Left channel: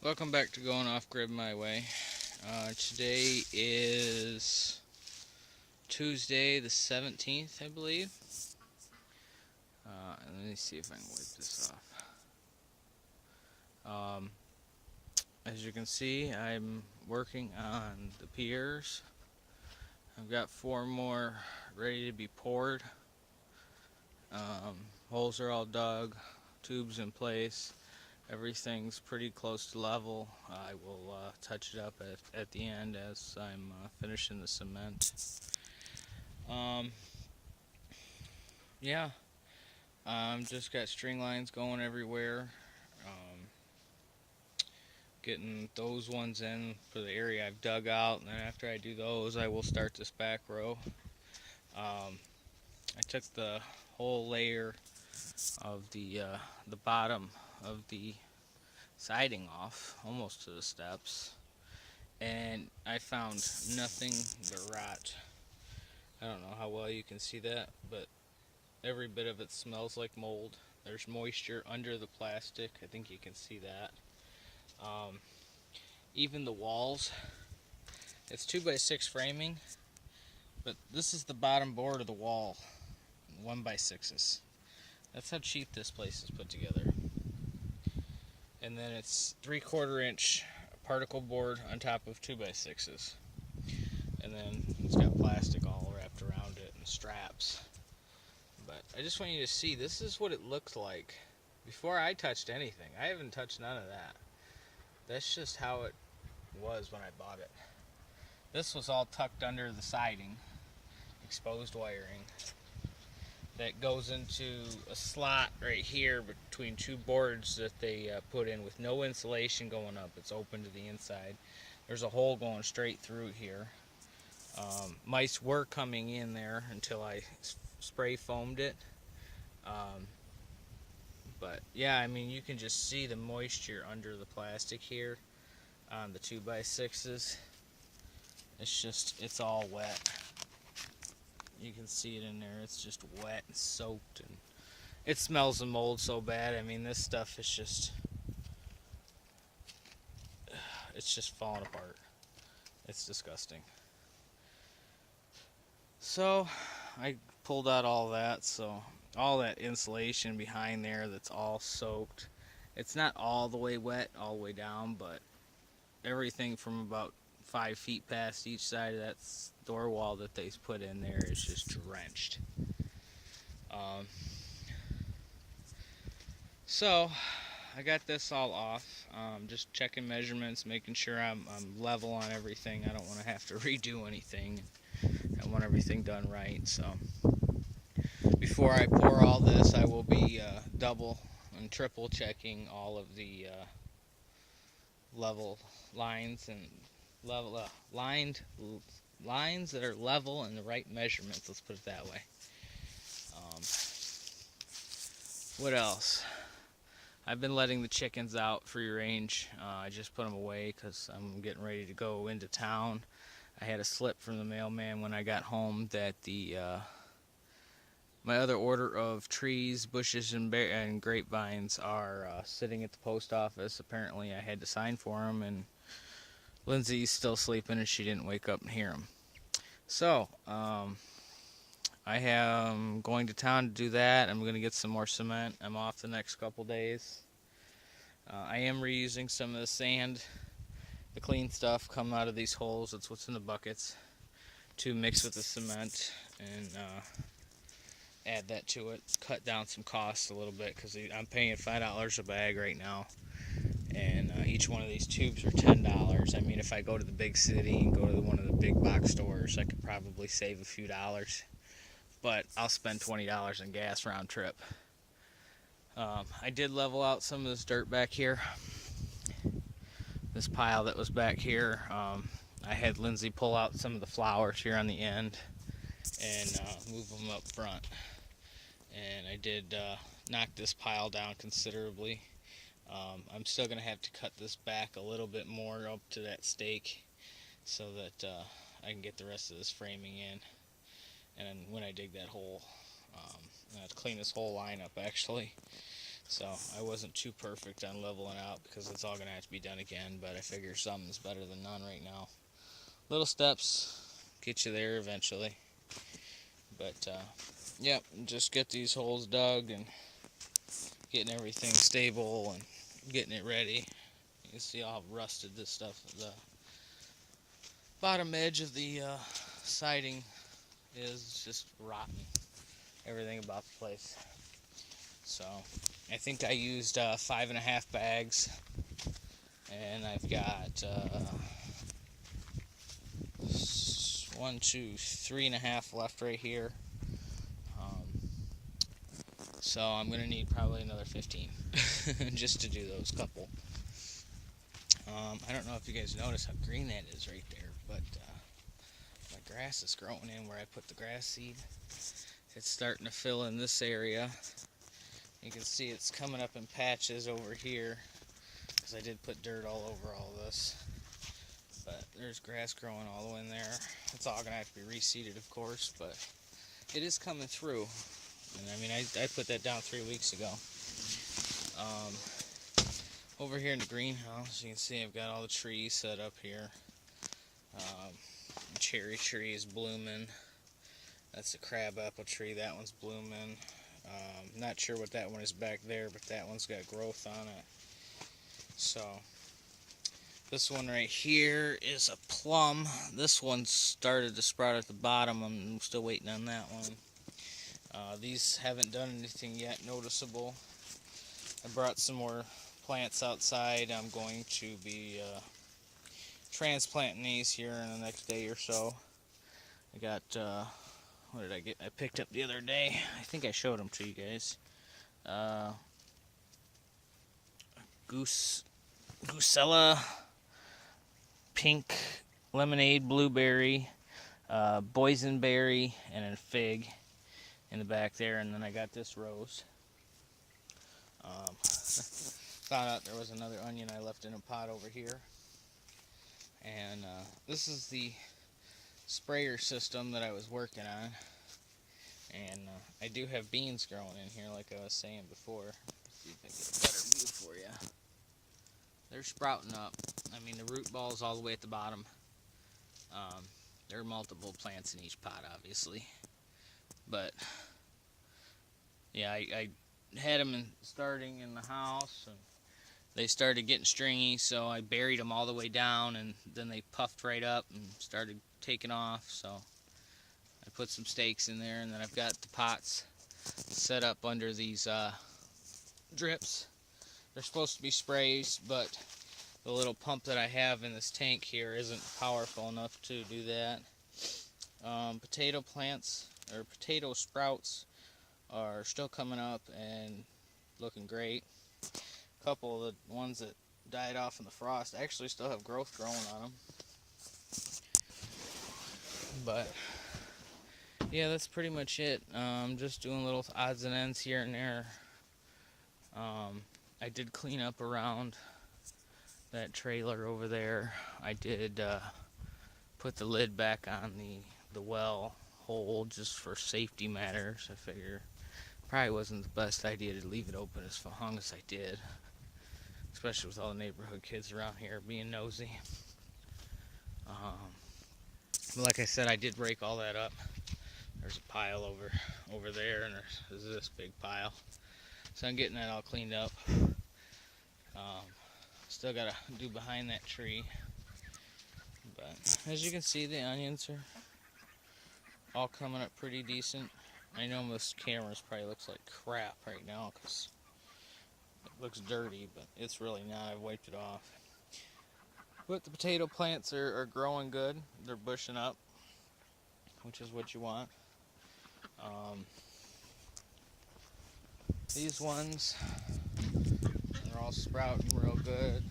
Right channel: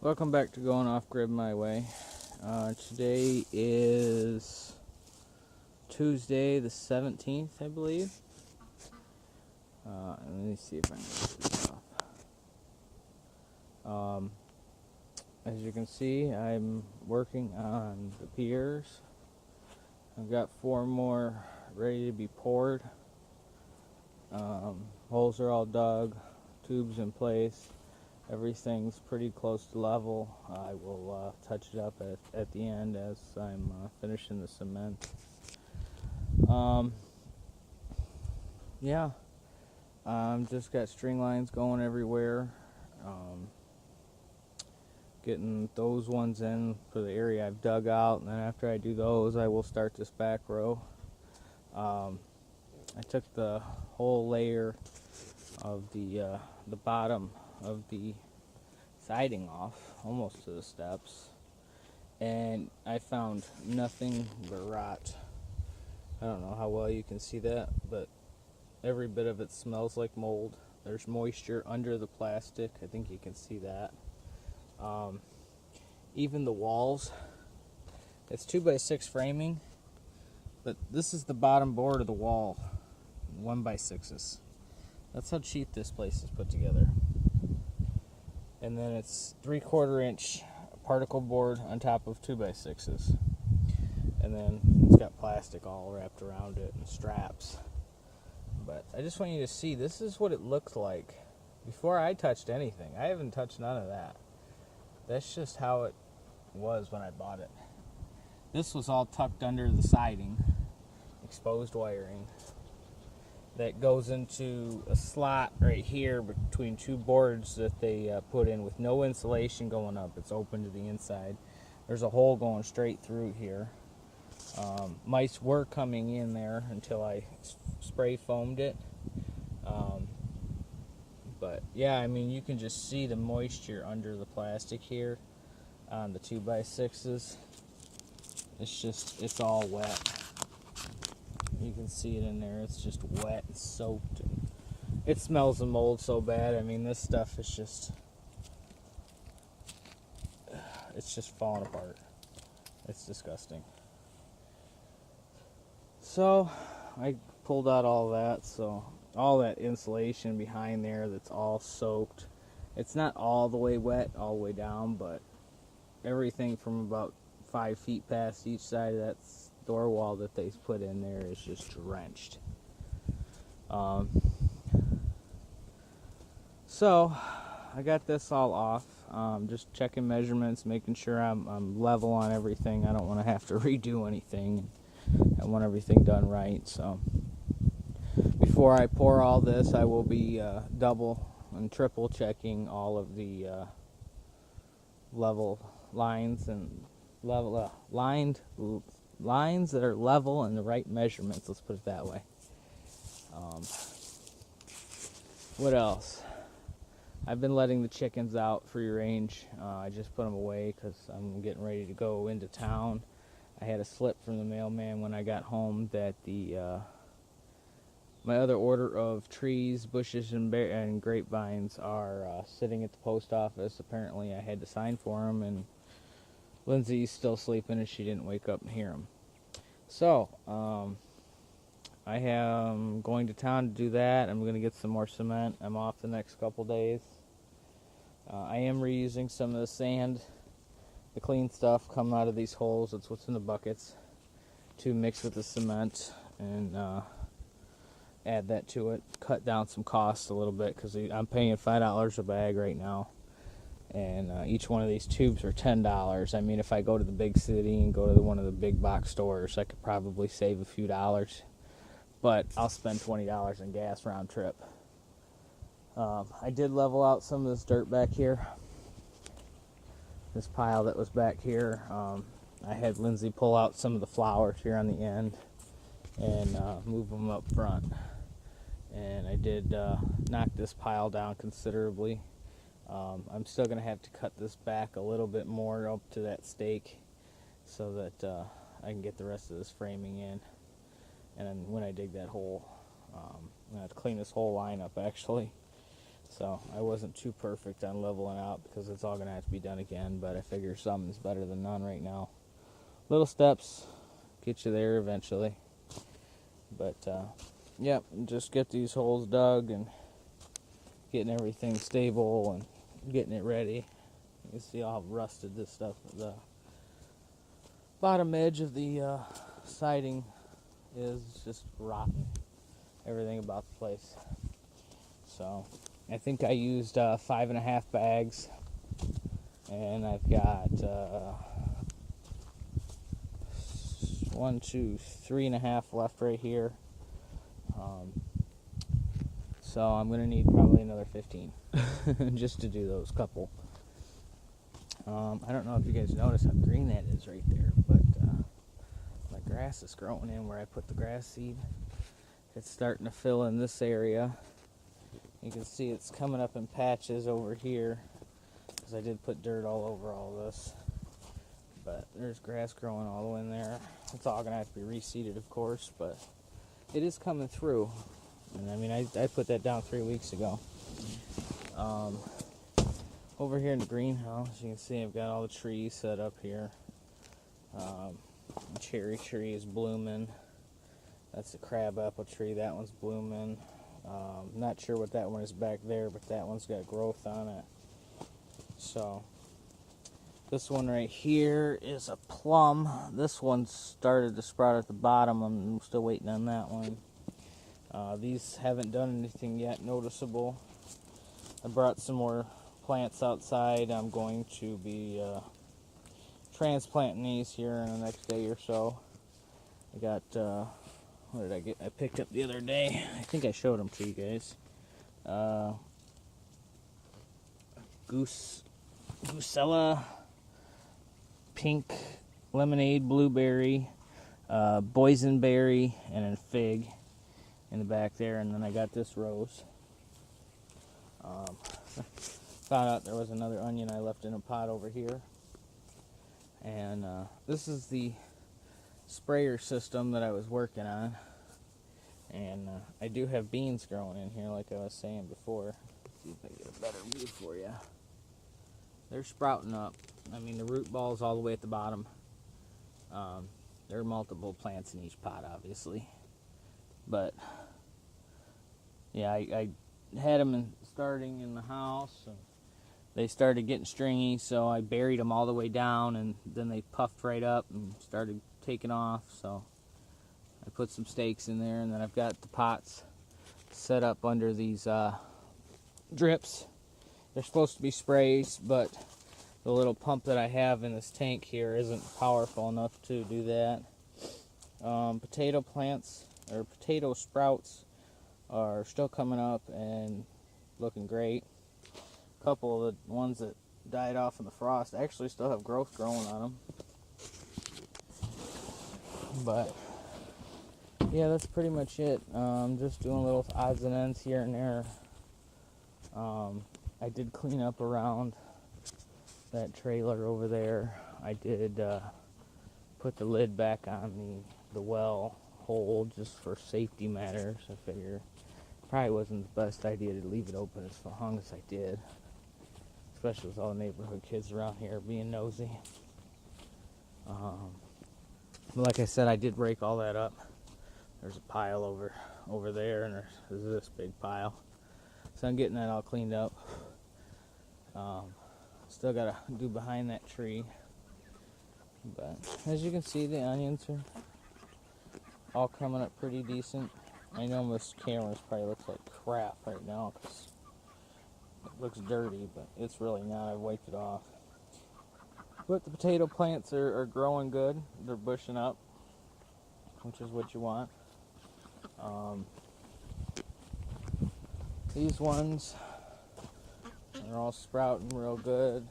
Welcome back to Going Off Grid My Way. Today is Tuesday the 17th, I believe. Let me see if I can get this off. As you can see, I'm working on the piers. I've got 4 more ready to be poured. Holes are all dug, tubes in place. Everything's pretty close to level. I will touch it up at the end as I'm finishing the cement. Yeah, just got string lines going everywhere. Getting those ones in for the area I've dug out, and then after I do those, I will start this back row. I took the whole layer of the bottom of the siding off, almost to the steps, and I found nothing but rot. I don't know how well you can see that, but every bit of it smells like mold. There's moisture under the plastic. I think you can see that. Even the walls, it's 2x6 framing, but this is the bottom board of the wall, 1x6s. That's how cheap this place is put together. And then it's 3/4 inch particle board on top of 2x6s. And then it's got plastic all wrapped around it and straps. But I just want you to see, this is what it looked like before I touched anything. I haven't touched none of that. That's just how it was when I bought it. This was all tucked under the siding, exposed wiring that goes into a slot right here between 2 boards that they put in with no insulation going up. It's open to the inside. There's a hole going straight through here. Mice were coming in there until I spray foamed it. But yeah, I mean, you can just see the moisture under the plastic here on the 2x6s. It's all wet. You can see it in there. It's just wet and soaked. And it smells of mold so bad. I mean, this stuff is just falling apart. It's disgusting. So I pulled out all that. So all that insulation behind there that's all soaked. It's not all the way wet, all the way down, but everything from about 5 feet past each side of that door wall that they put in there is just drenched. So I got this all off. Just checking measurements, making sure I'm level on everything. I don't want to have to redo anything. I want everything done right. So before I pour all this, I will be double and triple checking all of the level lines and lines that are level and the right measurements. Let's put it that way. What else? I've been letting the chickens out free range. I just put them away because I'm getting ready to go into town. I had a slip from the mailman when I got home that my other order of trees, bushes, and grapevines are sitting at the post office. Apparently I had to sign for them, and Lindsay's still sleeping and she didn't wake up and hear them. So I am going to town to do that. I'm going to get some more cement. I'm off the next couple days. I am reusing some of the sand, the clean stuff coming out of these holes. That's what's in the buckets, to mix with the cement and add that to it. Cut down some costs a little bit because I'm paying $5 a bag right now. And each one of these tubes are $10. I mean, if I go to the big city and go to one of the big box stores, I could probably save a few dollars. But I'll spend $20 in gas round trip. I did level out some of this dirt back here. This pile that was back here. I had Lindsay pull out some of the flowers here on the end and move them up front. And I did knock this pile down considerably. I'm still going to have to cut this back a little bit more up to that stake so that I can get the rest of this framing in. And when I dig that hole, I have to clean this whole line up actually. So I wasn't too perfect on leveling out because it's all going to have to be done again, but I figure something's better than none right now. Little steps get you there eventually. But, yep, just get these holes dug and getting everything stable and getting it ready. You can see how rusted this stuff, the bottom edge of the siding is just rotten. Everything about the place. So I think I used 5.5 bags, and I've got 1, 2, 3.5 left right here. So I'm gonna need probably another 15 just to do those couple. I don't know if you guys notice how green that is right there, but my grass is growing in where I put the grass seed. It's starting to fill in this area. You can see it's coming up in patches over here because I did put dirt all over all this. But there's grass growing all the way in there. It's all going to have to be reseeded, of course, but it is coming through. And I mean, I put that down 3 weeks ago. Over here in the greenhouse, you can see I've got all the trees set up here. Cherry tree is blooming. That's the crab apple tree. That one's blooming. Not sure what that one is back there, but that one's got growth on it. So this one right here is a plum. This one started to sprout at the bottom. I'm still waiting on that one. These haven't done anything yet noticeable. I brought some more plants outside. I'm going to be transplanting these here in the next day or so. I got, what did I get? I picked up the other day. I think I showed them to you guys. Goosella, pink, lemonade, blueberry, boysenberry, and a fig in the back there. And then I got this rose. Found out there was another onion I left in a pot over here. And this is the sprayer system that I was working on. And I do have beans growing in here, like I was saying before. Let's see if I can get a better view for you. They're sprouting up. I mean, the root ball's all the way at the bottom. There are multiple plants in each pot, obviously. But, yeah, I had them starting in the house, and they started getting stringy, so I buried them all the way down, and then they puffed right up and started taking off. So I put some stakes in there, and then I've got the pots set up under these drips. They're supposed to be sprays, but the little pump that I have in this tank here isn't powerful enough to do that. Potato plants, or potato sprouts, are still coming up and looking great. A couple of the ones that died off in the frost actually still have growth growing on them. But yeah, that's pretty much it. Just doing little odds and ends here and there. I did clean up around that trailer over there. I did put the lid back on the well hole just for safety matters. I figure probably wasn't the best idea to leave it open as long as I did, especially with all the neighborhood kids around here being nosy. But like I said, I did break all that up. There's a pile over there, and there's this big pile. So I'm getting that all cleaned up. Still gotta do behind that tree. But as you can see, the onions are all coming up pretty decent. I know this camera probably looks like crap right now because it looks dirty, but it's really not. I wiped it off. But the potato plants are growing good. They're bushing up, which is what you want. These ones are all sprouting real good.